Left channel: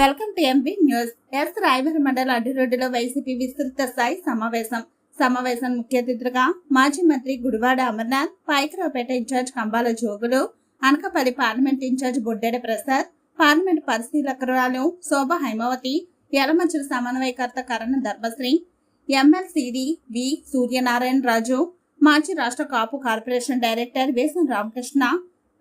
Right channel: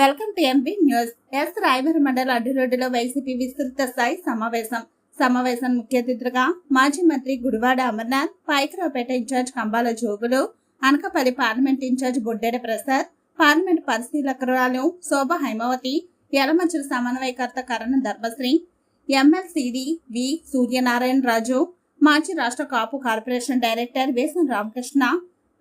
Welcome to MP news. Rayavaram మండల అడ్డురోడ్డులో YCP విస్తృత స్థాయి సమావేశం ముఖ్య అతిథులుగా మాజీ మంత్రి Gudivada Amarnath, Payakaraopeta in-charge Kambala Jogulu, Anakapalli parliament in-charge Boddeda Prasad, parliament పరిశీలకురాలు శోభ హైమావతి, యలమంచిలి సమన్వయకర్త కరణ ధర్మశ్రీ, ఎమ్మెల్సీడీ వి సూర్యనారాయణ రాజు, మాజీ రాష్ట్ర Kapu corporation director Vesam Ramakrishna,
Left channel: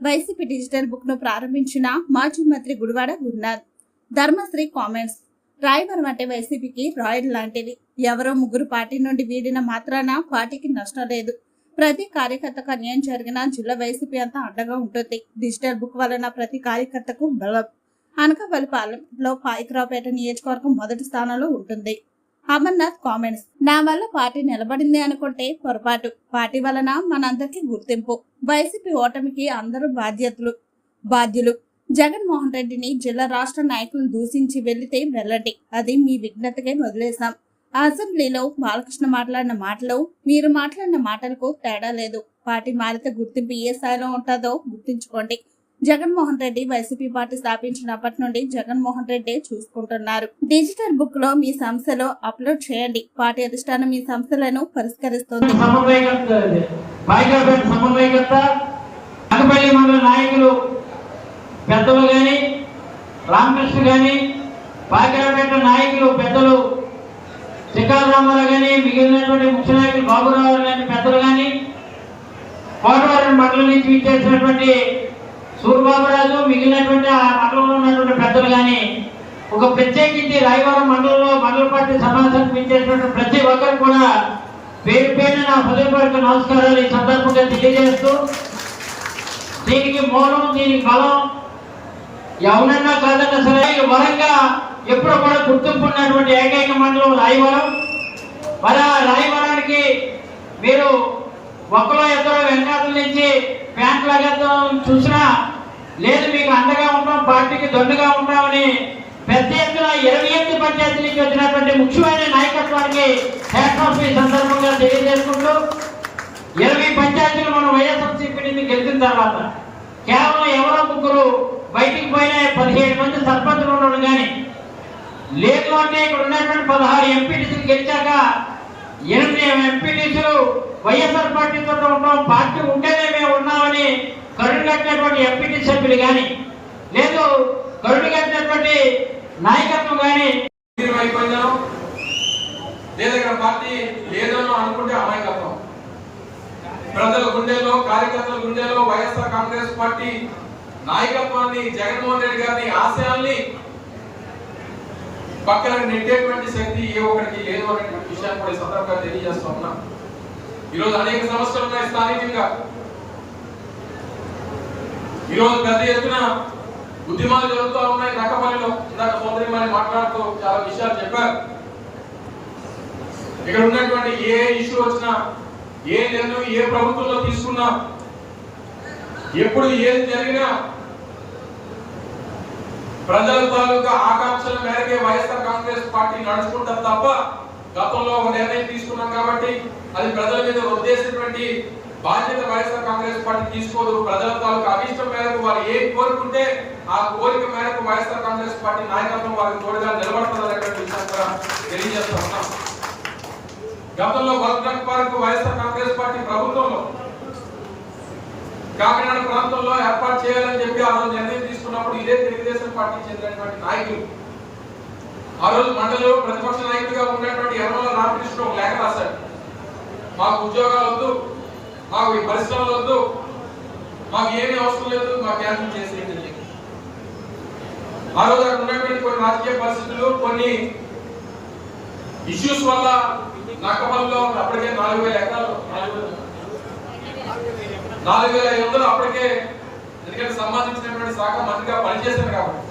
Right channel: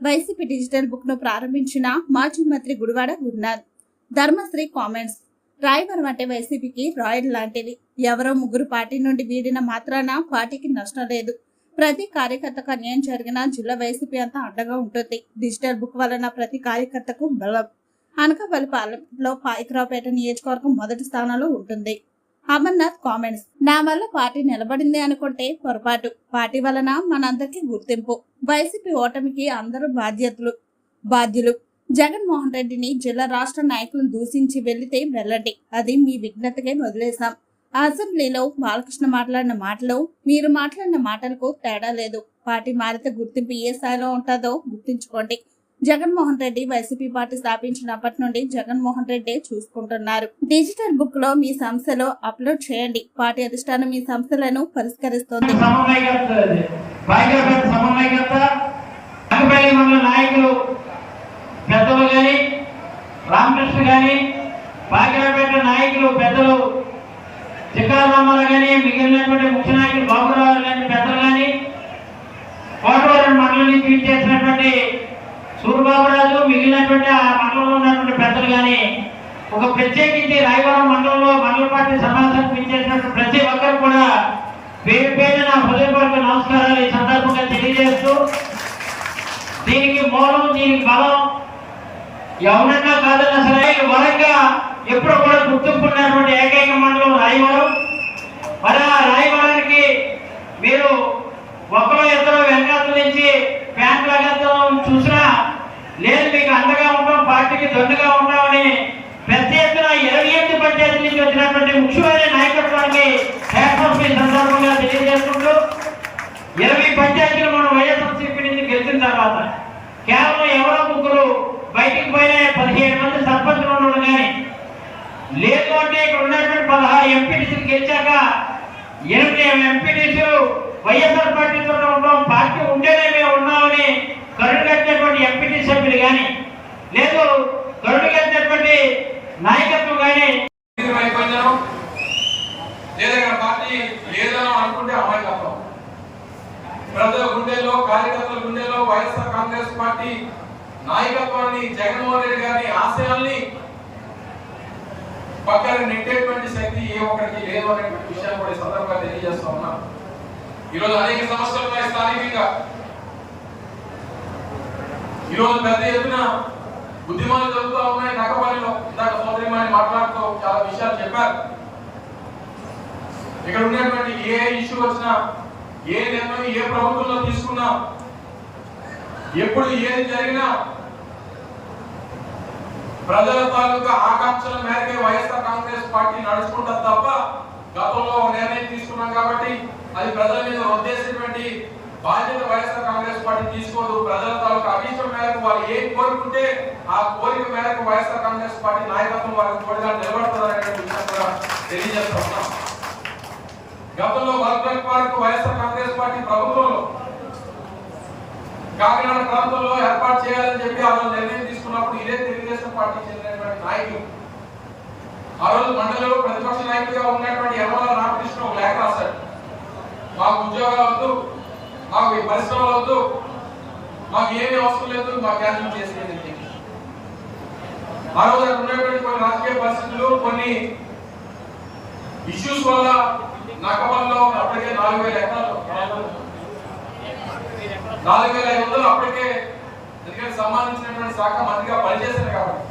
YCP digital book ను ప్రారంభించిన మాజీ మంత్రి గుడివాడ గురునాథ్. ధర్మశ్రీ కామెంట్స్: రాయవరం అంటే వైసీపీకి రాయల్ లాంటిది. ఎవరో ముగ్గురు పార్టీ నుండి వీడిన మాత్రాన పార్టీకి నష్టం లేదు. ప్రతి కార్యకర్తకు అన్యాయం జరిగినా జిల్లా వైసీపీ అంతా అండగా ఉంటుంది. డిజిటల్ బుక్ వలన ప్రతి కార్యకర్తకు బలం. అనకాపల్లి పార్లమెంట్లో పాయకరావుపేట నియోజకవర్గం మొదటి స్థానంలో ఉంటుంది. అమర్నాథ్ కామెంట్స్: నా వల్ల పార్టీ నిలబడింది అనుకుంటే పొరపాటు. పార్టీ వలన మనందరికీ గుర్తింపు. వైసీపీ ఓటమికి అందరూ బాధ్యులు. జగన్మోహన్ రెడ్డిని జిల్లా రాష్ట్ర నాయకులను దూషించి వెళ్లితే వెళ్ళండి, అది మీ విజ్ఞతకే వదిలేశాం. అసెంబ్లీలో బాలకృష్ణ మాట్లాడిన మాటలు, మీరు మాట్లాడిన మాటలకు తేడా లేదు. పార్టీ మారితే గుర్తింపు ఏ స్థాయిలో ఉంటుందో గుర్తుంచుకోండి. జగన్మోహన్ రెడ్డి వైసీపీ పార్టీ స్థాపించినప్పటి నుండి జగన్మోహన్ రెడ్డి చూసుకుంటున్నారు. డిజిటల్ బుక్ లో మీ సంస్థలో అప్లోడ్ చేయండి. పార్టీ అధిష్టానం మీ సంస్థలను పరిష్కరిస్తోంది. పెద్దలు గాని రామకృష్ణ గాని పాయకరావుపేట నాయకులు పెద్దలు చిక్కారామారావు గాని మిగిలినటువంటి ముఖ్య నాయకులు బాబురావు గాని పెద్దలు గాని కోటవరం మండలం నుంచి విచ్చేసినటువంటి సూర్యబాబురాజు మిగిలినటువంటి ఆ మండలంలో ఉన్నటువంటి పెద్దలు గాని ఒక ప్రత్యేకించి రాయవరం మండలంలో మండల పార్టీ సమావేశానికి విచ్చేసినటువంటి ప్రతి ఒక్కరు కూడా పేరు పేరు నా హృదయపూర్వక నమస్కారాలు ఈ సందర్భంగా తెలియజేస్తూ, దీనికి మూలం దీనికి బలం ఎవరన్నా కాదన్నా సరే వరంగా ఎప్పుడు కూడా గుర్తింపున్నటువంటి ఏకైక మండలం రాయవరం. మరి ఆ రాయవరానికి మీరు ఒక్కరో ఇద్దరు వెనకాతల నుంచి ప్యాంట్ లాగేద్దాం చూసినా లేదు, మీకు అండగా ఉంటాం, పార్టీకి దొండగా ఉంటామని పెద్ద ఎత్తున 28 పంచాయతీల నుంచి వచ్చినటువంటి ముఖ్యమైన నాయకత్వానికి హ్యాట్స్ ఈ సందర్భంగా తెలియజేసుకుంటూ, 20 పంచాయతీలు మనం వైఎస్ఆర్సీపీ నుంచి గెలిచిన తర్వాత కేవలం ఎవరో ముగ్గురు బయటికి పోయిన 17 మంది సర్పంచులు ఉండడు కానీ లేదు అంటే ఇక్కడ ఉన్నటువంటి 16 ఎంపీటీసీలు గెలిచాక 8 ఎంపీటీసీలు వైఎస్ఆర్ పార్టీతో ఉంటాం, పార్టీ ఉంటేనే మేము ఉన్నామని కరుడు కట్టినటువంటి ఎంపీటీ సభ్యులు కానీ లేదు కరుడు కట్టినటువంటి నాయకత్వం కానీ లేదా పార్టీ లేదని అనుకుంటే అమాయకత్వం. ప్రజల గుండెల్లో కార్యకర్తల గుండెల్లో వైఎస్ఆర్ కాంగ్రెస్ పార్టీ నాయకత్వాన్ని, జగన్మోహన్ రెడ్డి గారిని ఆశయాల్ని పక్కన నెట్టేటువంటి శక్తి ఏ ఒక్కరికి లేదు అనేటువంటి విషయాన్ని కూడా ఈ సందర్భంగా తెలియజేస్తూ ఉన్నాం. ఈరోజు అనేక సమస్యలు ఉన్నాయి స్థానికంగా. ఈరోజు పెద్ద ఎత్తున ఉద్యమాలు జరుగుతూ ఉన్నాయి. నక్కపల్లిలో ఇందాక సోదరిమని మాట్లాడుతూ చాలా విషయాలు చెప్పారు. ఇక్కడ ఉన్నటువంటి ఏ ఇష్యూ వచ్చినా, ఏ నిర్ణయం ఏ ప్రభుత్వంలో తీసుకున్నా, ఎప్పుడు ఏది జరిగినా ప్రజల తాలూకా ఆకాంక్షల మేరకే వైఎస్ఆర్ కాంగ్రెస్ పార్టీ నడుచుకుంటారు తప్ప గతంలో ఒక నిర్ణయం తీసుకున్నాం కాబట్టి అది ప్రజల మీద ఉద్దేశించినటువంటి బాధ్యత వైఎస్ఆర్ కాంగ్రెస్ పార్టీ తీసుకోదు. ప్రజల తాలూకా అభిష్టం మేరకు వాళ్ళు ఏం కోరుకుంటే ఆ కోరిక మేరకు వైఎస్ఆర్ కాంగ్రెస్ పార్టీ నాయకత్వం వాళ్ళకి తోడుగా నిలబడుతుందనేటువంటి విషయం కూడా తెలియజేస్తూ ఉన్నాం. గతంలో వల్కండ్ పార్క్ వైఎస్ఆర్ కాంగ్రెస్ పార్టీ ప్రభుత్వంలో కాకినాడ ప్రాంతంలో ఏర్పాటు చేయాలని చెప్పి ఆ నిర్ణయం తీసుకున్నప్పుడు ఇదే తెలుగుదేశం పార్టీకి చెందినటువంటి నాయకులు ఆ రోజు మండలిలో ప్రతిపక్ష నాయకుడిగా ఉన్నటువంటి యనమల రామకృష్ణ లేఖ రాశారు. మాకు ఉద్యోగాలు వద్దు, మాకు ఈ పరిశ్రమలు వద్దు, మాకు ఏమీ అవసరం లేదు, మాకు క్యాన్సిల్ చేసేది. ఆ రోజు అక్కడ ఉన్నటువంటి కొన్ని రాజకీయ పరిస్థితులు, కొన్ని ఇష్యూస్ వల్ల నక్కపల్లిలో అప్పటికే 4,000 ఎకరాలు 4,500 అప్పటికే, ఎందుకంటే సంబంధించినటువంటి శాఖ మంత్రిగా పనిచేశారు కాబట్టి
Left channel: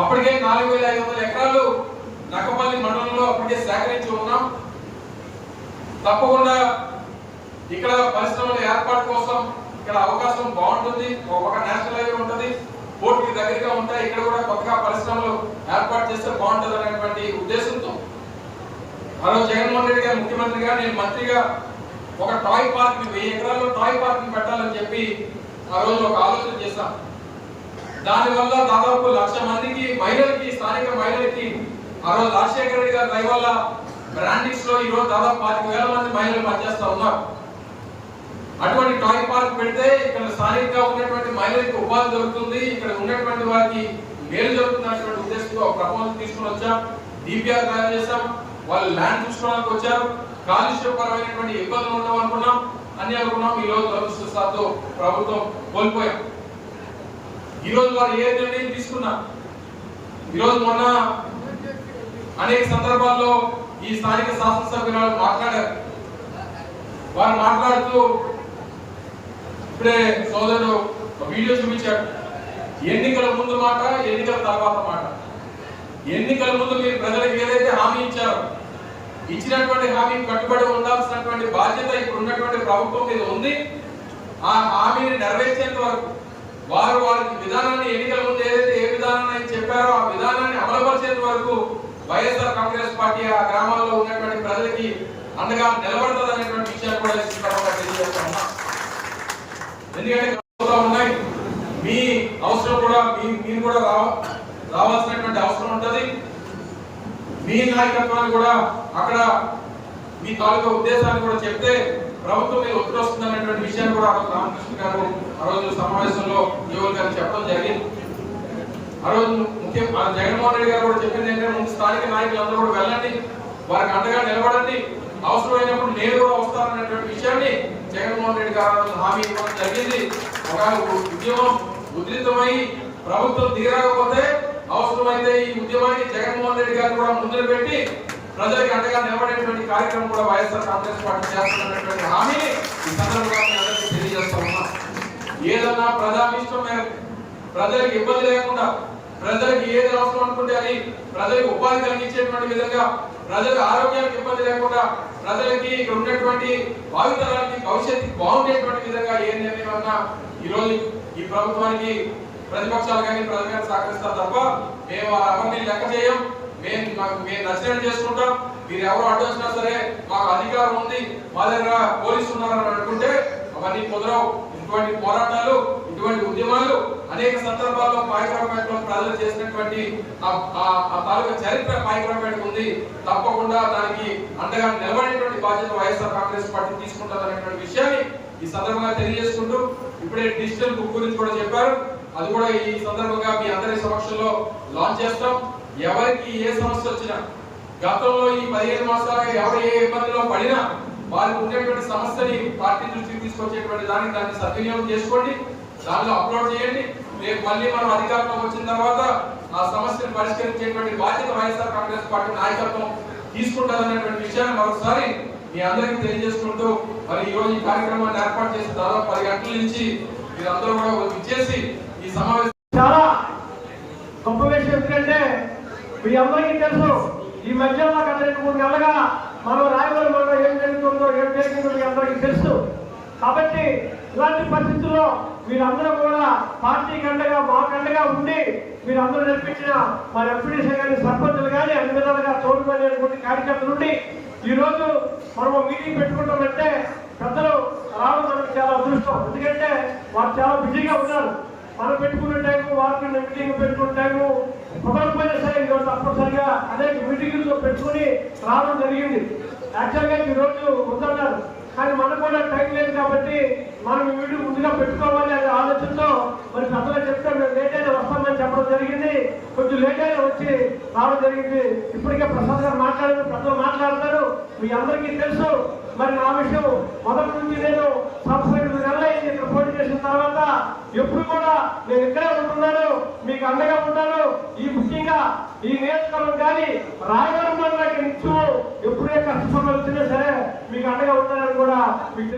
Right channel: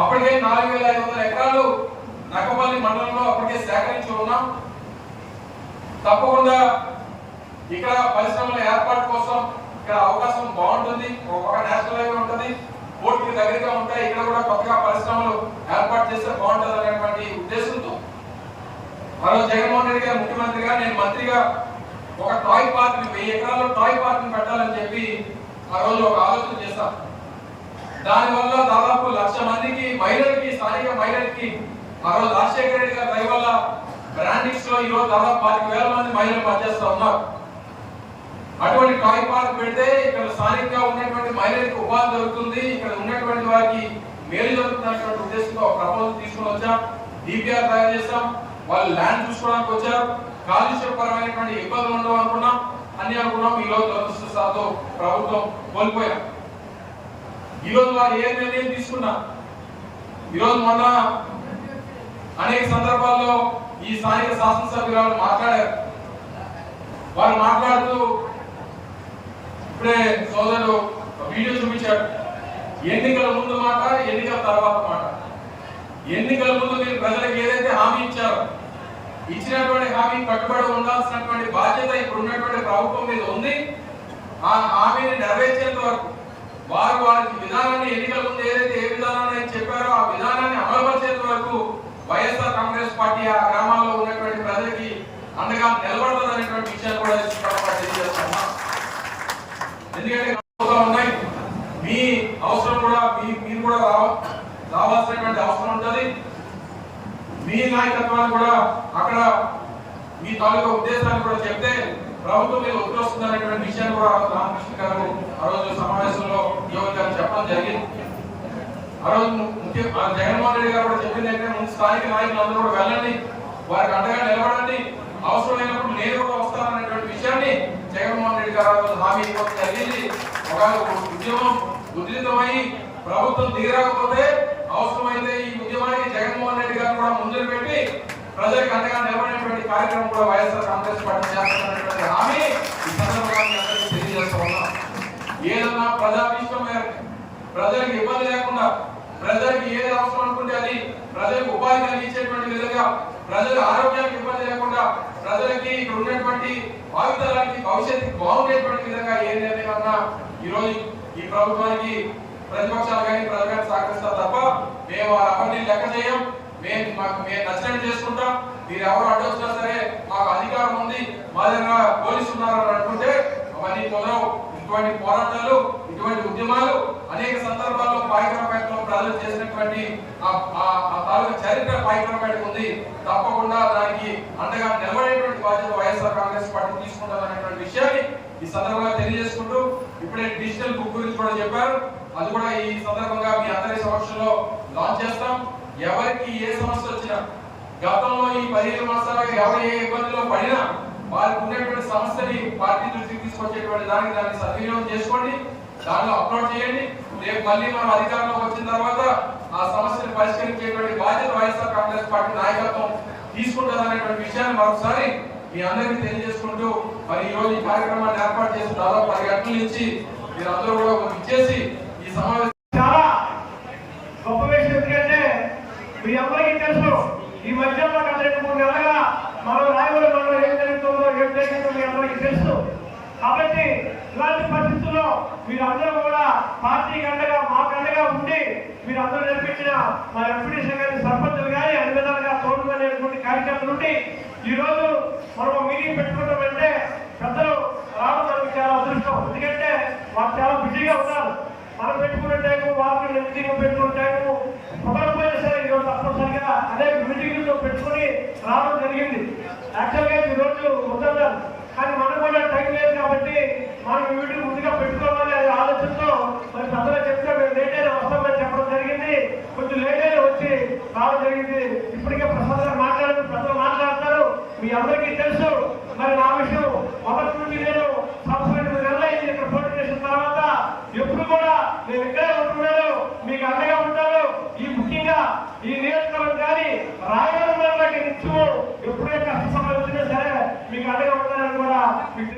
అప్పటికే 4,500 ఎకరాలు నక్కపల్లి మండలంలో అప్పటికే సేకరించి ఉన్నాం. తప్పకుండా ఇక్కడ పరిశ్రమల ఏర్పాటు కోసం ఇక్కడ అవకాశం బాగుంటుంది. ఒక నేషనల్ హైవే ఉంటుంది, పోర్టుకి దగ్గరగా ఉంటాయి. ఇక్కడ కూడా కొత్తగా పరిశ్రమలు ఏర్పాటు చేస్తే బాగుంటుంది అనేటువంటి ఉద్దేశంతో ఆ రోజు జగన్మోహన్ రెడ్డి గారు ముఖ్యమంత్రిగా, నేను మంత్రిగా ఒక టాయ్ పార్క్ 1000 ఎకరాల్లో టాయ్ పార్క్ పెట్టాలని చెప్పి ఆ రోజు ఒక ఆలోచన చేశాం. దానివల్ల దాదాపు 1,00,000 మందికి మహిళలకి, స్థానిక మహిళలకి ఆ రోజు రాజశేఖర రెడ్డి గారి దయ వల్ల బ్రాండింగ్స్ లో ఈ రోజు దాదాపు 25,000 మంది మహిళలు పనిచేస్తా ఉన్నారు. అటువంటి టాయ్ పార్క్ పెడితే ఇక్కడ స్థానికంగా ఉన్నటువంటి మహిళలకు ఉపాధి దొరుకుతుంది, ఇక్కడ ఉన్నటువంటి వారికి మేలు జరుగుతున్నటువంటి ఉద్దేశంతో ఒక ప్రపోజల్ తీసుకుని వచ్చాం. డిపిఆర్ తయారు చేశాం. వాళ్ళు ల్యాండ్ చూసుకోవడానికి వచ్చారు. కాలుష్యపరమైనటువంటి ఇబ్బందులు ఉండవు అనుకున్నాం, అన్ని అనుకున్నాం. ఈ రోజు దురదృష్టవశాత్తు ప్రభుత్వం కోల్పోయాం. ఈ రోజు వారు ఏ నిర్ణయం తీసుకున్నా, ఈ రోజు మొన్న అనేక సందర్భాల్లో ఈ స్థానిక శాసనసభ్యులు మాట్లాడారు. వారు మాట్లాడుతూ ఇప్పుడే సోదరుడు వీడియో చూపించాడు. ఎన్నికల ముందు మాట, ఎన్నికల తర్వాత మాట. ఎన్నికల ముందు మీరు ప్రజలకు ఏదైతే హామీ ఇచ్చారో, ఇచ్చినటువంటి హామీ కట్టుబడి ఉండాల్సినటువంటి బాధ్యత ఇప్పుడు ఉన్నటువంటి ప్రభుత్వం మీద ఉంది. ఆ హామీని నెరవేర్చేంత వరకు వారు వారికి విధానాన్ని, ఎన్నికల ముందు ఏదైతే ఏ విధానాన్ని చెప్పారో ఆ విధానాన్ని అమలుపరిచేంత వరకు వైఎస్ఆర్ కాంగ్రెస్ పార్టీ ఆ గ్రామాల్లో ఉన్నటువంటి ప్రజలకి అండగా నిలబడుతుంది అనేటువంటి విషయాన్ని కూడా తెలియజేస్తున్నాం. ఎందుకంటే ఉన్నాయి, మీ అవసరం కూడా మీరు కూడా రావాల్సినటువంటి అవసరం ఉంటుంది. మీ నాయకత్వాన్ని కూడా అక్కడ మీ తాలూకా ఉద్దేశాన్ని కూడా చెప్తే ప్రభుత్వం మీద ఒత్తిడి వస్తుంది అనేటువంటి విషయాన్ని కూడా రామకృష్ణ గారు ఆ రోజు సమావేశంలో ఉద్యోగులు గారికి చెప్పడం జరిగింది. ఆ రోజు జగన్మోహన్ రెడ్డి గారు కూడా చెప్పింది ఏంటంటే, ముందు స్థానిక నాయకులందరూ కూడా వెళ్ళండి, వారికి అండగా నిలబడండి, అవసరమైనప్పుడు నేను కూడా వస్తాననేటువంటి విషయాన్ని జగన్మోహన్ రెడ్డి గారు హామీ ఇవ్వడం జరిగింది. ఒక ఉద్యమం ఉధృతమై ప్రభుత్వం దిగకపోతే అవసరమైతే ఈ ఉద్యమానికి జగన్మోహన్ రెడ్డి గారు కూడా ముందుకు పెట్టి ప్రజలకు అండగా నిలబడేటువంటి కార్యక్రమం కూడా వైఎస్ఆర్ కాంగ్రెస్ పార్టీ చేస్తున్నటువంటి హామీ ఈ సందర్భంగా మీ అందరికీ తెలియజేస్తూ ఉన్నాం. ఏదన్నా ప్రజాభీష్టం మేరకు ప్రజలకు ఇబ్బంది లేకుండా, ప్రజలకు ఏది అవసరం అనుకుంటే అది ప్రజలకు ఉపాధి కలిగించేటువంటి విధంగా, ప్రజలకు ఆరోగ్యానికి ఇబ్బంది లేకుండా, ప్రజలకి ఇక్కడ ఉన్నటువంటి భావితరానికి భవిష్యత్తుకి బాగుండేటువంటి విధంగా ఏ నిర్ణయం అన్నా ఈ రోజు ఈ ప్రభుత్వానికి ప్రతిపక్షాలు కానీ ప్రజలు కానీ సహకరిస్తారు తప్ప మేము వారి లెక్క చేయం. మేము నచ్చినట్టు చేసుకుంటాం. మీరు ఎవరు అడ్డొచ్చినా సరే మాకు అధికారం ఉంది, మా దగ్గర పోలీసులు ఉన్నారు అనుకుంటే అవన్నీ కుదరవు. ఇటువంటి పోరాటాలు, ఇటువంటి ఉద్యమాలు అనేక సందర్భాల్లో పాయకరావుపేటలో ప్రజలు చేసినటువంటి ఆ తాలూకా చరిత్ర పాయకరావుపేటకు ఉంది. తప్పకుండా దానికి అండగా నిలబడేటువంటి బాధ్యత వైఎస్ఆర్ కాంగ్రెస్ పార్టీ తీసుకుంటారనేటువంటి విషయాన్ని ఈ సందర్భంగా తెలియజేసుకుంటూ, ఇప్పుడే డిజిటల్ బుక్ గురించి కూడా చెప్పారు. అది కూడా ఈ సందర్భంగా మీ అందరి సమక్షంలో లాంచ్ చేస్తాం. ఎవరికి ఏ సమస్య వచ్చినా, గతంలో ఈ 15 మాసాలుగా ఎవరు ఏ ఇబ్బందిలో పడినా వారికి ఉన్నటువంటి సమస్యని పార్టీ దృష్టికి తీసుకొచ్చేటువంటి దాన్ని సద్వినియోగం చేసుకోండి, దానిలో అప్లోడ్ చేయండి. రేపు మళ్ళీ మనం అధికారంలోకి వచ్చిన తర్వాత ఆ సమస్యను పరిష్కరించేటువంటి బాధ్యత వైఎస్ఆర్ కాంగ్రెస్ పార్టీ నాయకత్వం తీసుకుంటుందనేటువంటి విషయాన్ని మరోసారి మీ అందరికీ తెలియజేసుకుంటూ, మరి ఈ రోజు ఈ కార్యక్రమాన్ని ఏర్పాటు చేసి దాదాపు 10 గంటల నుంచి మీరందరూ కూడా ఇచ్చేసి ఈ సమావేశం చాలా గొప్ప విషయం. ఎందుకంటే మీ అందరికీ తెలుసు, ఈ మధ్యలో గత 2-3 నెలలుగా మనం రాయలసీమలో ఏం జరుగుతుందో ఏం జరిగిందో మీ అందరికీ తెలుసు. కాబట్టి ఇలాంటి పరిస్థితుల్లో మీరందరూ కూడా పార్టీకి అండగా, మాకు అండగా ఉండి మీరందరూ నడిపించిన మన ఎంపీడీసీ కానీ, సర్పంచులు కానీ అన్ని విధాలుగా తోడుకునేటువంటి కార్యకర్తలు ఉండి ఈ రోజు మనం మీటింగ్ పెట్టుకుంటామంటే పెద్దలు రావడం మనకు చాలా అదృష్టం. ఎందుకంటే వారు చాలా బిజీగా ఉన్నారు. మనం పెట్టుకునే టైము, వారికి మీటింగ్ పెట్టుకునే టైము కుదరకపోయినా సరే ఈరోజు తప్పనిసరిగా అనేక మీటింగ్లతో పెట్టుకుని రావడం జరిగింది. యాక్చువల్గా ఈరోజు వద్దన్నారు, కానీ మనకు కూడా టైం లేదు కాబట్టి మనం ఈ మీటింగ్ ముందుగా పెట్టుకోవాలి అనే ఆలోచనతో మరి పెద్దలు చెప్తే మేము లేట్ అయినా వస్తామని చెప్పడం జరిగింది. కొంచెం లేట్ అయినా వచ్చి రావడం జరిగింది. ఇప్పటికే ప్రసాద్ గారు మాట్లాడారు, పెద్దలు మాట్లాడతారు, మీ అందరికీ తెలుసు. మరి నా విషయం మొదటి నుంచి నేను సంవత్సరం నెలలైంది ఇక్కడ పోటీ చేసిన తర్వాత ఎప్పుడు కూడా నేను ఇక్కడే ఉంటున్నాను, మీకు అండగా ఉంటాను. ఈ ముఖ్యంగా ఈ నియోజకవర్గం కానీ రాయవరం మండలానికి నిత్యం ఎప్పుడే కష్ట సమస్యలు వచ్చినా సరే మీకు అండగా ఉంటానని కూడా మీకు